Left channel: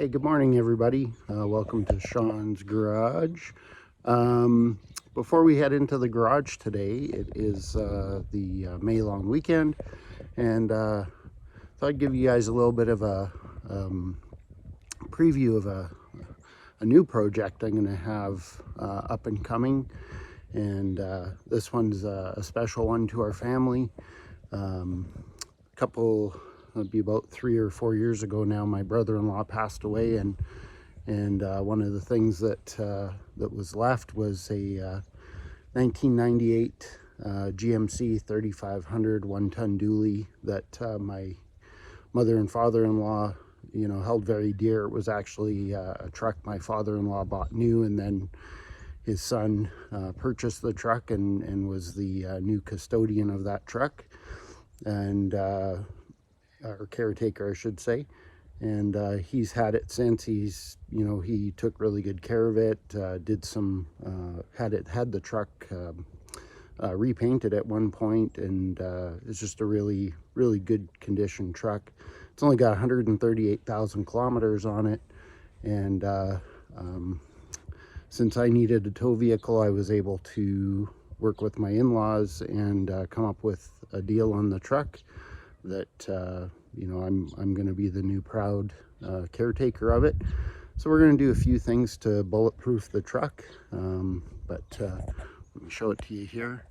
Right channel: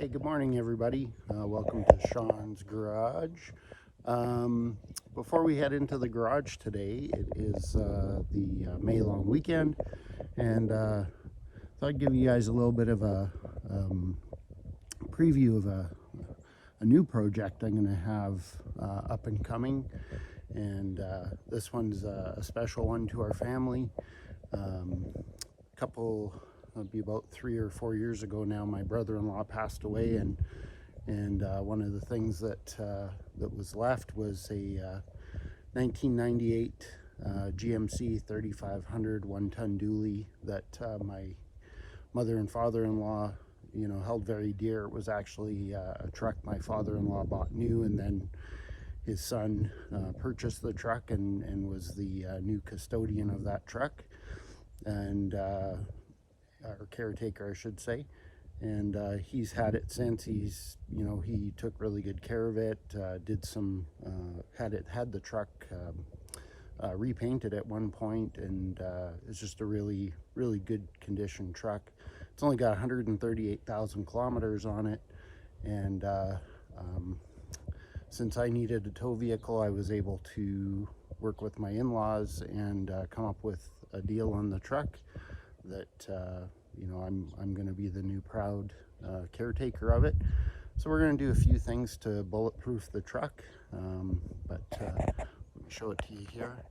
Hey, good morning, everybody. Welcome to Shawn's Garage. Before we head into the garage today, it is the May long weekend, and thought I'd give you guys a little bit of a preview of a new project I'm going to have up and coming. And this one's a special one to our family. It'll be about 3 or 4 years ago now, my brother-in-law passed away, and one of the things that that was left was a 1998 GMC 3500 one-ton dually that my mother and father-in-law, held very dear. It was actually a truck my father-in-law bought new, and then his son purchased the truck and was the new custodian of that truck, and or caretaker, I should say. And he's had it since. He took really good care of it. Had the truck repainted at one point, and it's just a really good condition truck. It's only got 138,000 kilometers on it, and since I needed a tow vehicle, I was able to work with my in-laws and come up with a deal on the truck that I'm going to be the new proud caretaker of it. So we're going to do a few things to bulletproof the truck, but let me show it to you here.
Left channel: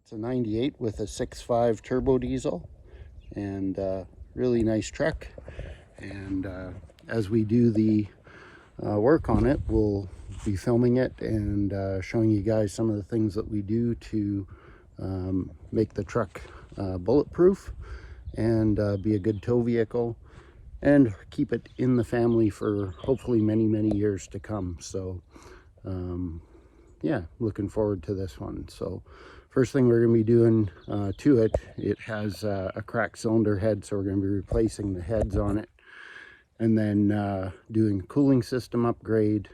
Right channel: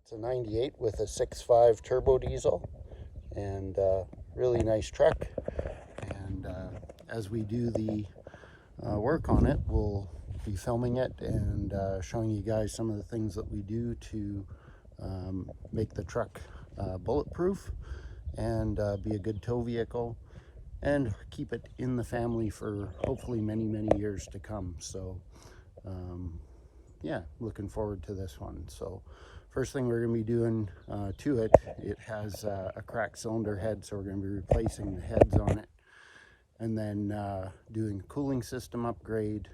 It's a 98 with a 6.5 turbo diesel, and really nice truck. And as we do the work on it, we'll be filming it and showing you guys some of the things that we do to make the truck bulletproof and be a good tow vehicle and keep it in the family for hopefully many years to come. So yeah, looking forward to this one. So first thing we're going to be doing to it, it has a cracked cylinder head, so we're going to be replacing the heads on it, and then doing cooling system upgrade,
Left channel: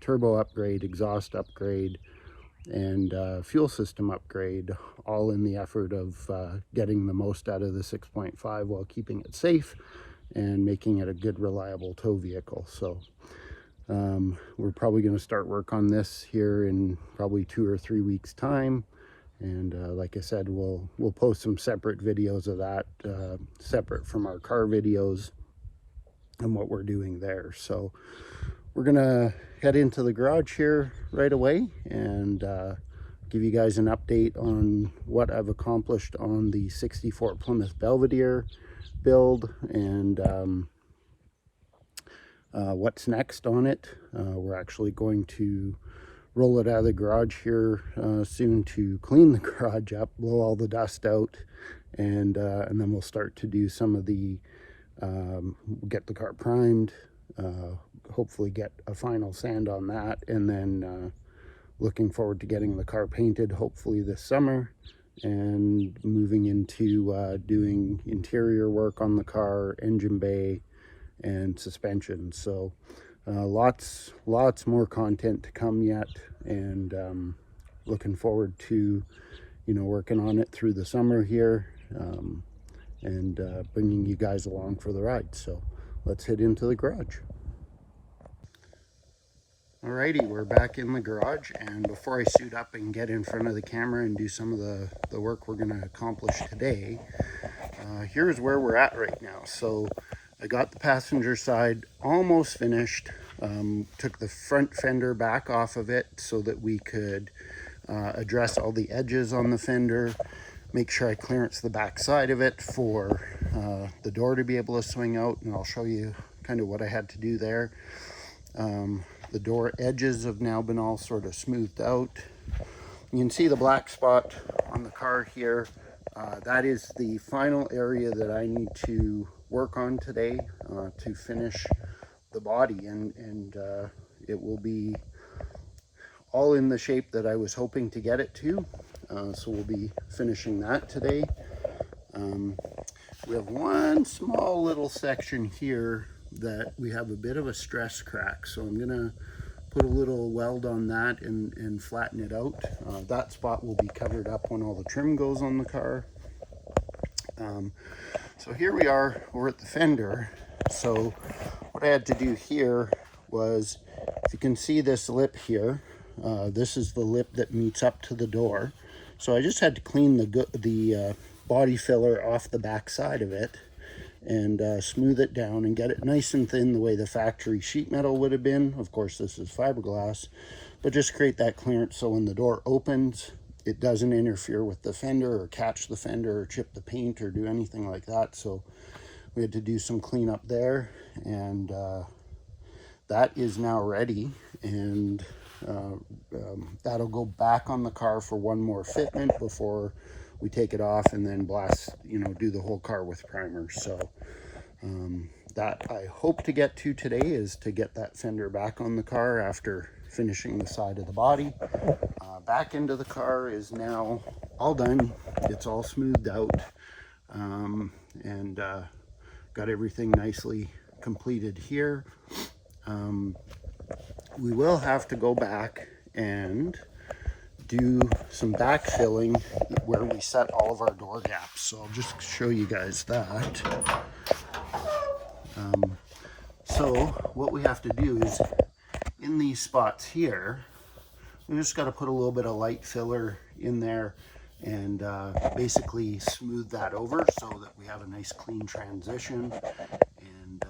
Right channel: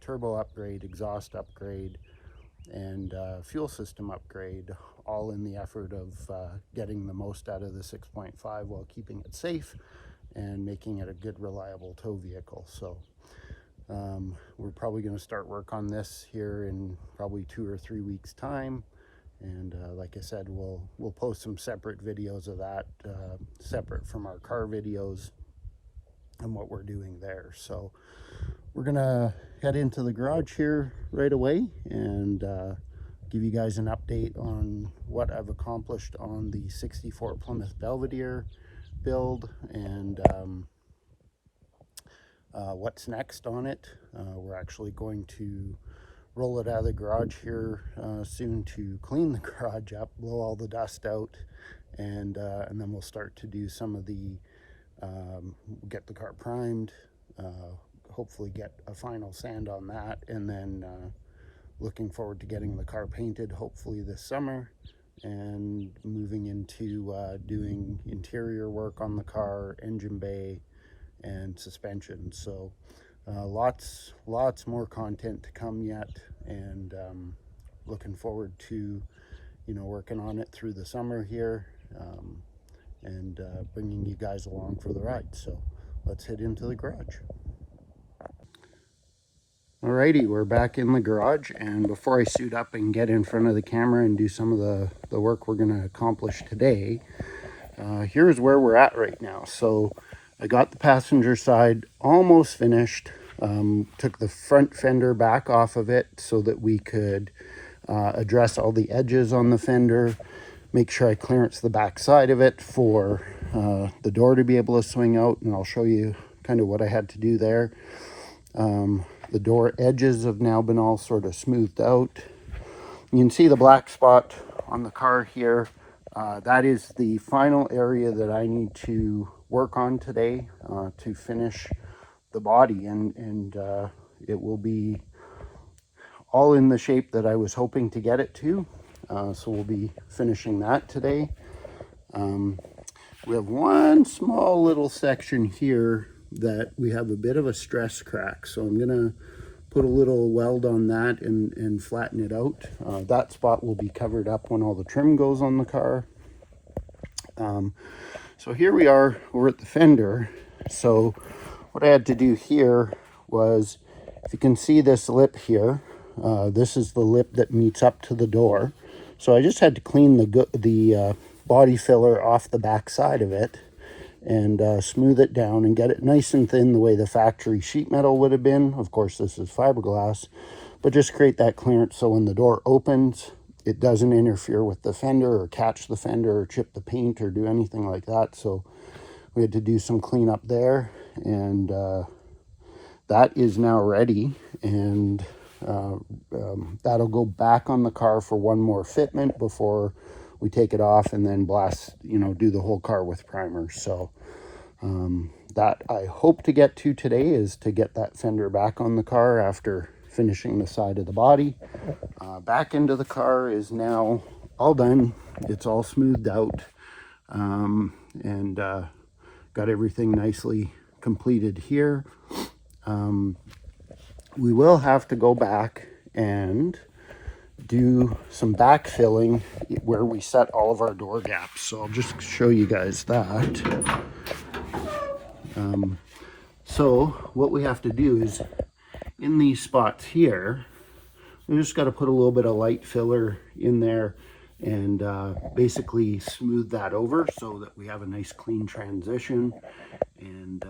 turbo upgrade, exhaust upgrade, and fuel system upgrade, all in the effort of getting the most out of the 6.5 while keeping it safe and making it a good, reliable tow vehicle. So we're probably going to start work on this here in probably 2 or 3 weeks time, and like I said, we'll post some separate videos of that, separate from our car videos and what we're doing there. So we're gonna head into the garage here right away and give you guys an update on what I've accomplished on the 64 Plymouth Belvedere build, and what's next on it. We're actually going to roll it out of the garage here soon to clean the garage up, blow all the dust out, and then we'll start to do some of the get the car primed, hopefully get a final sand on that, and then looking forward to getting the car painted hopefully this summer, and moving into doing interior work on the car, engine bay, and suspension. So lots more content to come yet, and looking forward to working on it through the summer here, and bringing you guys along for the ride. So let's head into the garage. Alrighty, we're back in the garage, and before I suit up and get in front of the camera and do some of the work we're going to accomplish today, here's where we're at right now. So I got the passenger side almost finished. Took the front fender back off of it so that we could address all the edges on the fender, make sure I clearance the back side of it for the door to be able to swing out, and I'll show you kind of what I had to do there. The door edges have now been all sort of smoothed out. You can see the black spot on the car here. That is the final area that I need to work on today to finish the body, and it will be all in the shape that I was hoping to get it to. So we'll be finishing that today. We have one small little section here that we have a bit of a stress crack, so I'm gonna put a little weld on that and flatten it out. That spot will be covered up when all the trim goes on the car. So here we are, we're at the fender. So what I had to do here was, if you can see this lip here, this is the lip that meets up to the door. So I just had to clean the body filler off the back side of it and smooth it down and get it nice and thin the way the factory sheet metal would have been. Of course, this is fiberglass, but just create that clearance so when the door opens, it doesn't interfere with the fender or catch the fender or chip the paint or do anything like that. So we had to do some cleanup there, and that is now ready, and that'll go back on the car for one more fitment before we take it off and then blast, do the whole car with primers. So that I hope to get to today is to get that fender back on the car after finishing the side of the body. Back into the car is now all done. It's all smoothed out, and got everything nicely completed here. We will have to go back and do some backfilling where we set all of our door gaps. So I'll just show you guys that. So what we have to do is, in these spots here, we just got to put a little bit of light filler in there and basically smooth that over so that we have a nice clean transition. And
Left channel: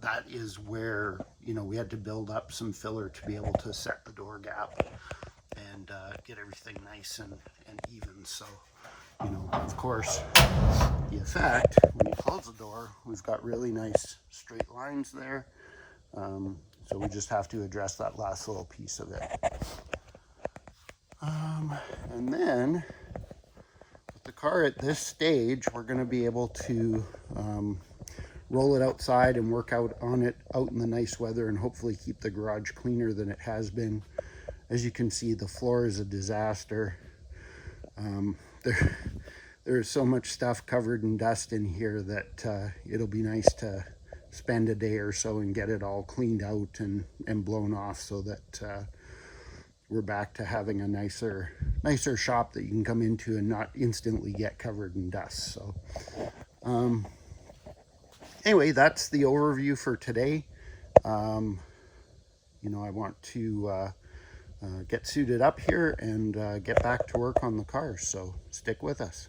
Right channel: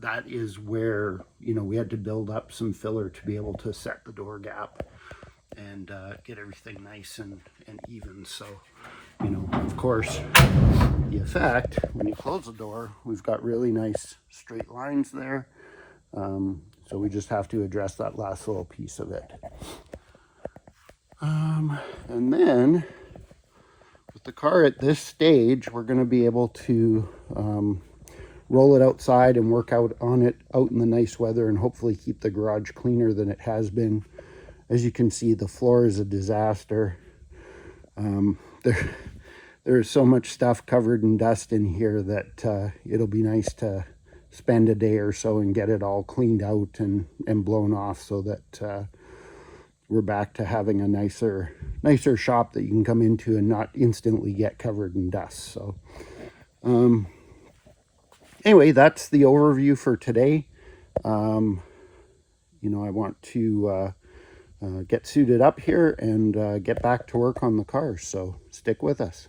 that is where, we had to build up some filler to be able to set the door gap and get everything nice and even. So, of course, the effect, when you close the door, we've got really nice straight lines there. So we just have to address that last little piece of it. And then with the car at this stage, we're going to be able to roll it outside and work out on it out in the nice weather and hopefully keep the garage cleaner than it has been. As you can see, the floor is a disaster. There's so much stuff covered in dust in here that it'll be nice to spend a day or so and get it all cleaned out and blown off so that we're back to having a nicer shop that you can come into and not instantly get covered in dust. So anyway, that's the overview for today. I want to get suited up here and get back to work on the car, so stick with us.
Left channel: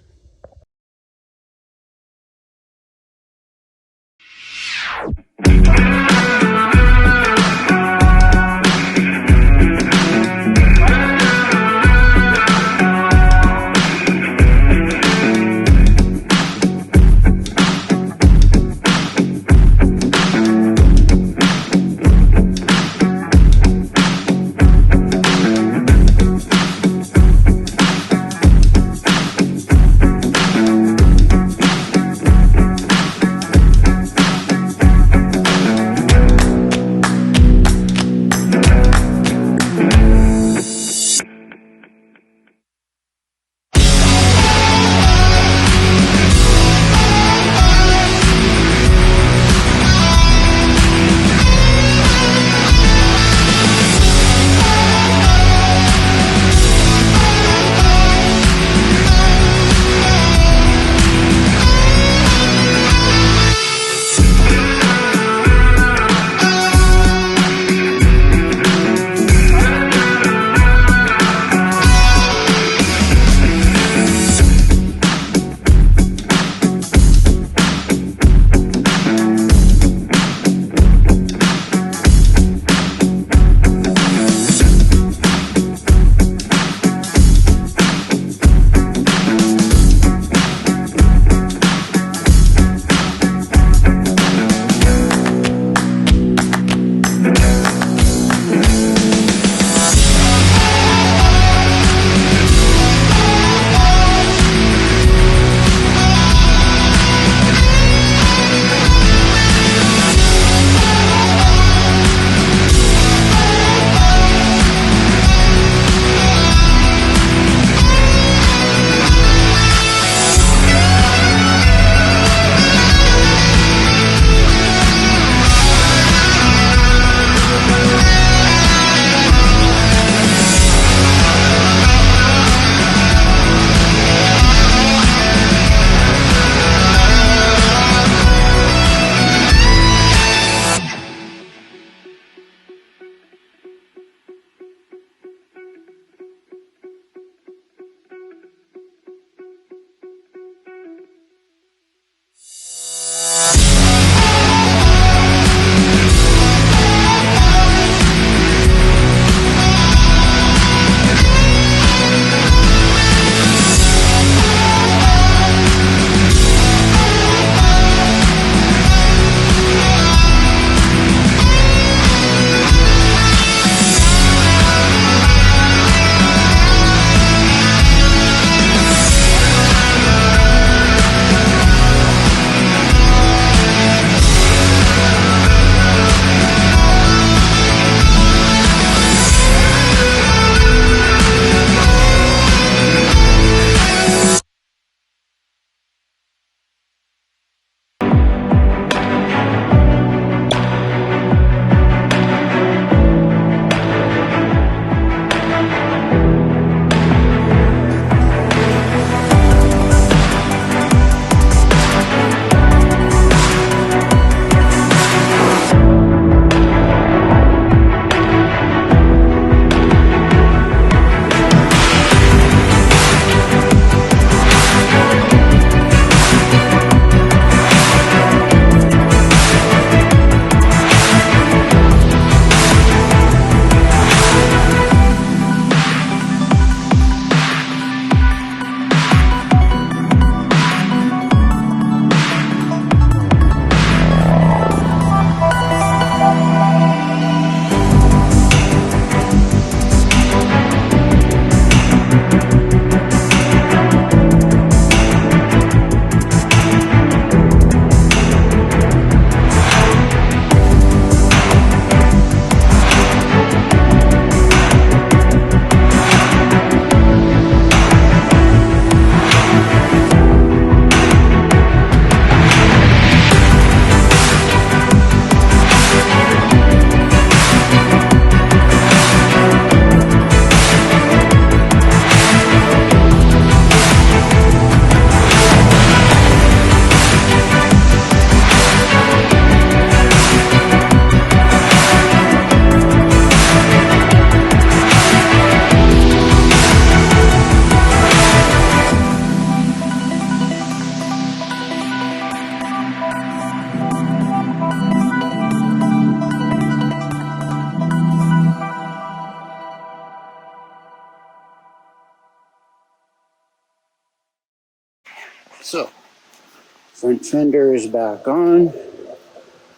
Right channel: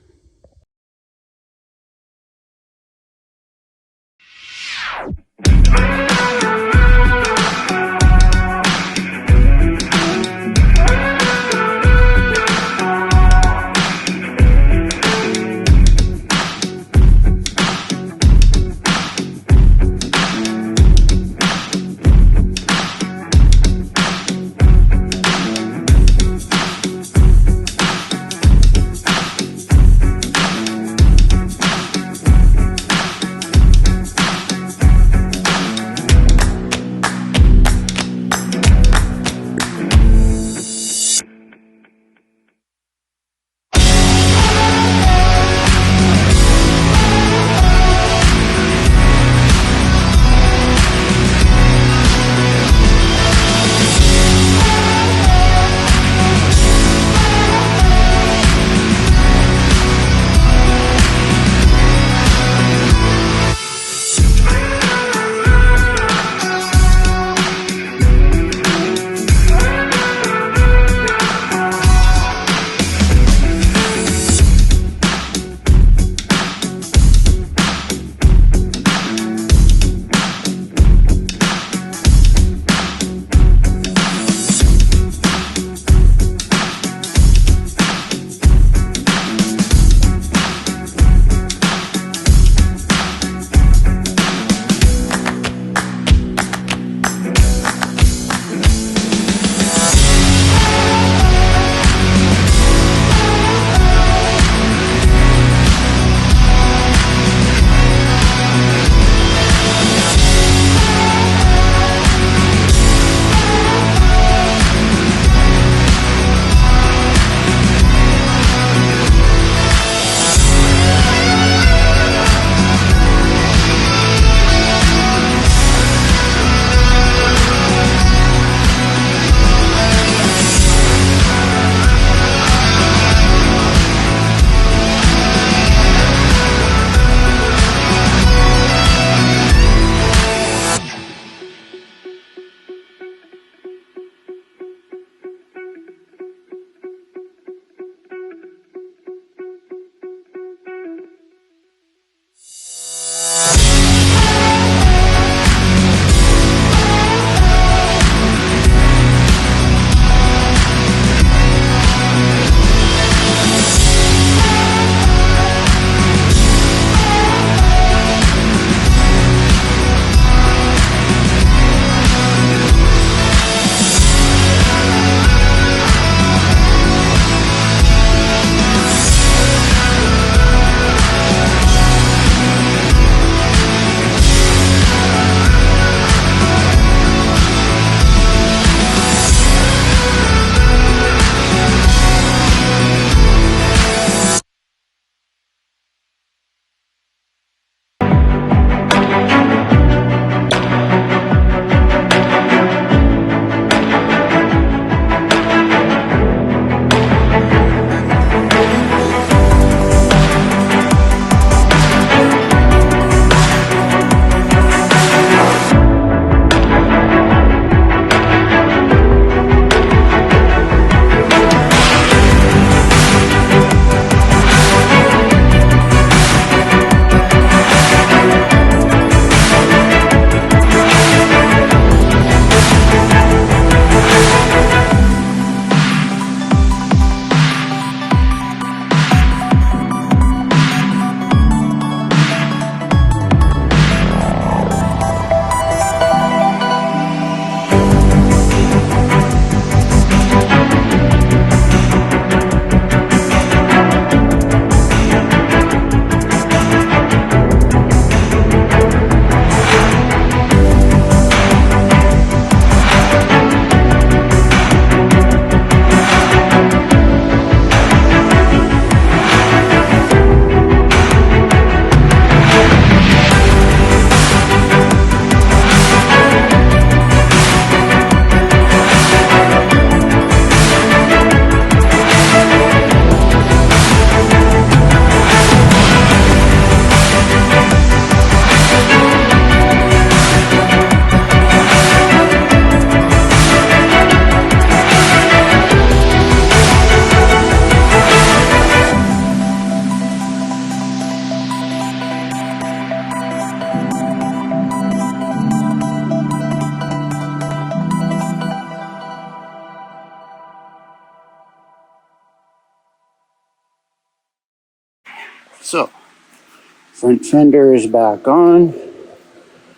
Front fender is back on. You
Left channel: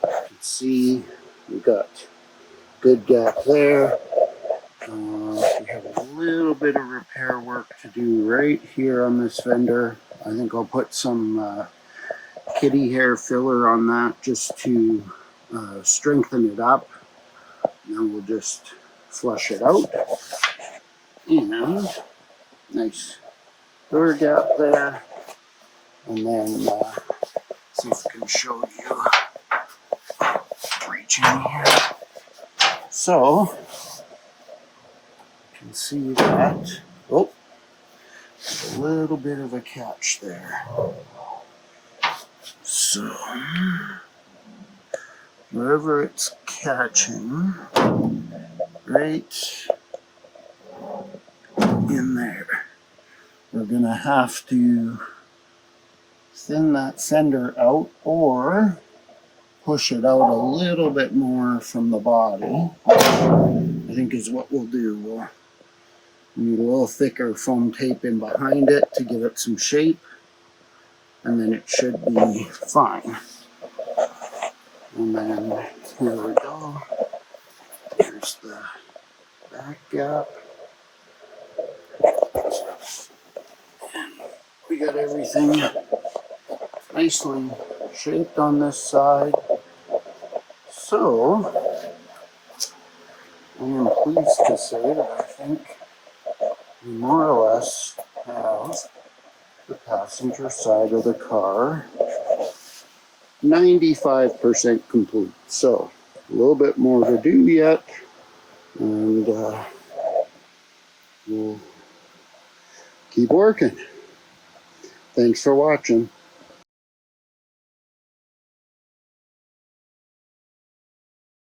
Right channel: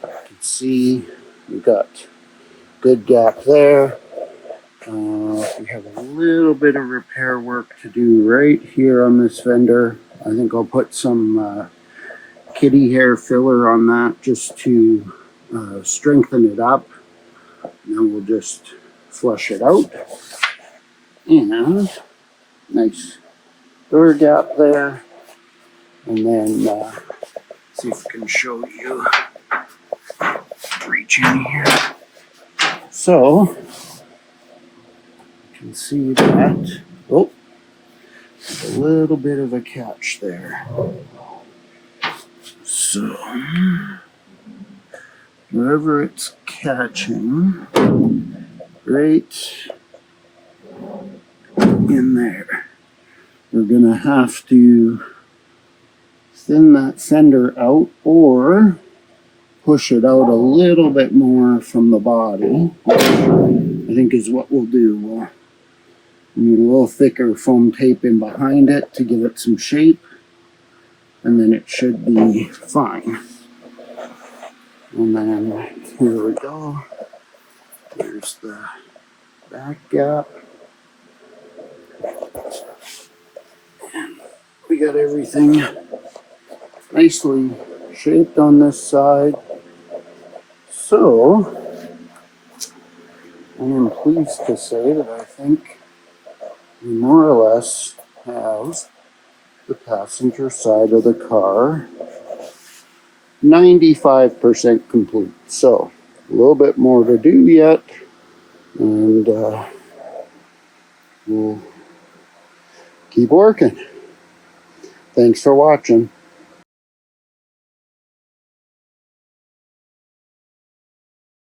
can see we got good gap there. We have a little bit of repair work to do right here on this fender. I think I'll put some kitty hair filler on that just to strengthen it up. And then we'll just flush it out. And nice door gap there. And then see if I can show you. Reach in here. So you can see that. Oh, a little bit of a catch there. So wherever it's catching, right in there, we're gonna have to thin that fender out or push it out a little bit more from the body. I think is what we'll do. We'll need a little thicker foam tape in behind it to give it some shape, and then it should be fine. And then here we go. Here's the back gap. And we got everything nicely shaped on this side. So I am pleased to say that I think we more or less have the passenger side of the car 95% complete. So a little bit more to do yet, and we'll keep working. Thanks for watching.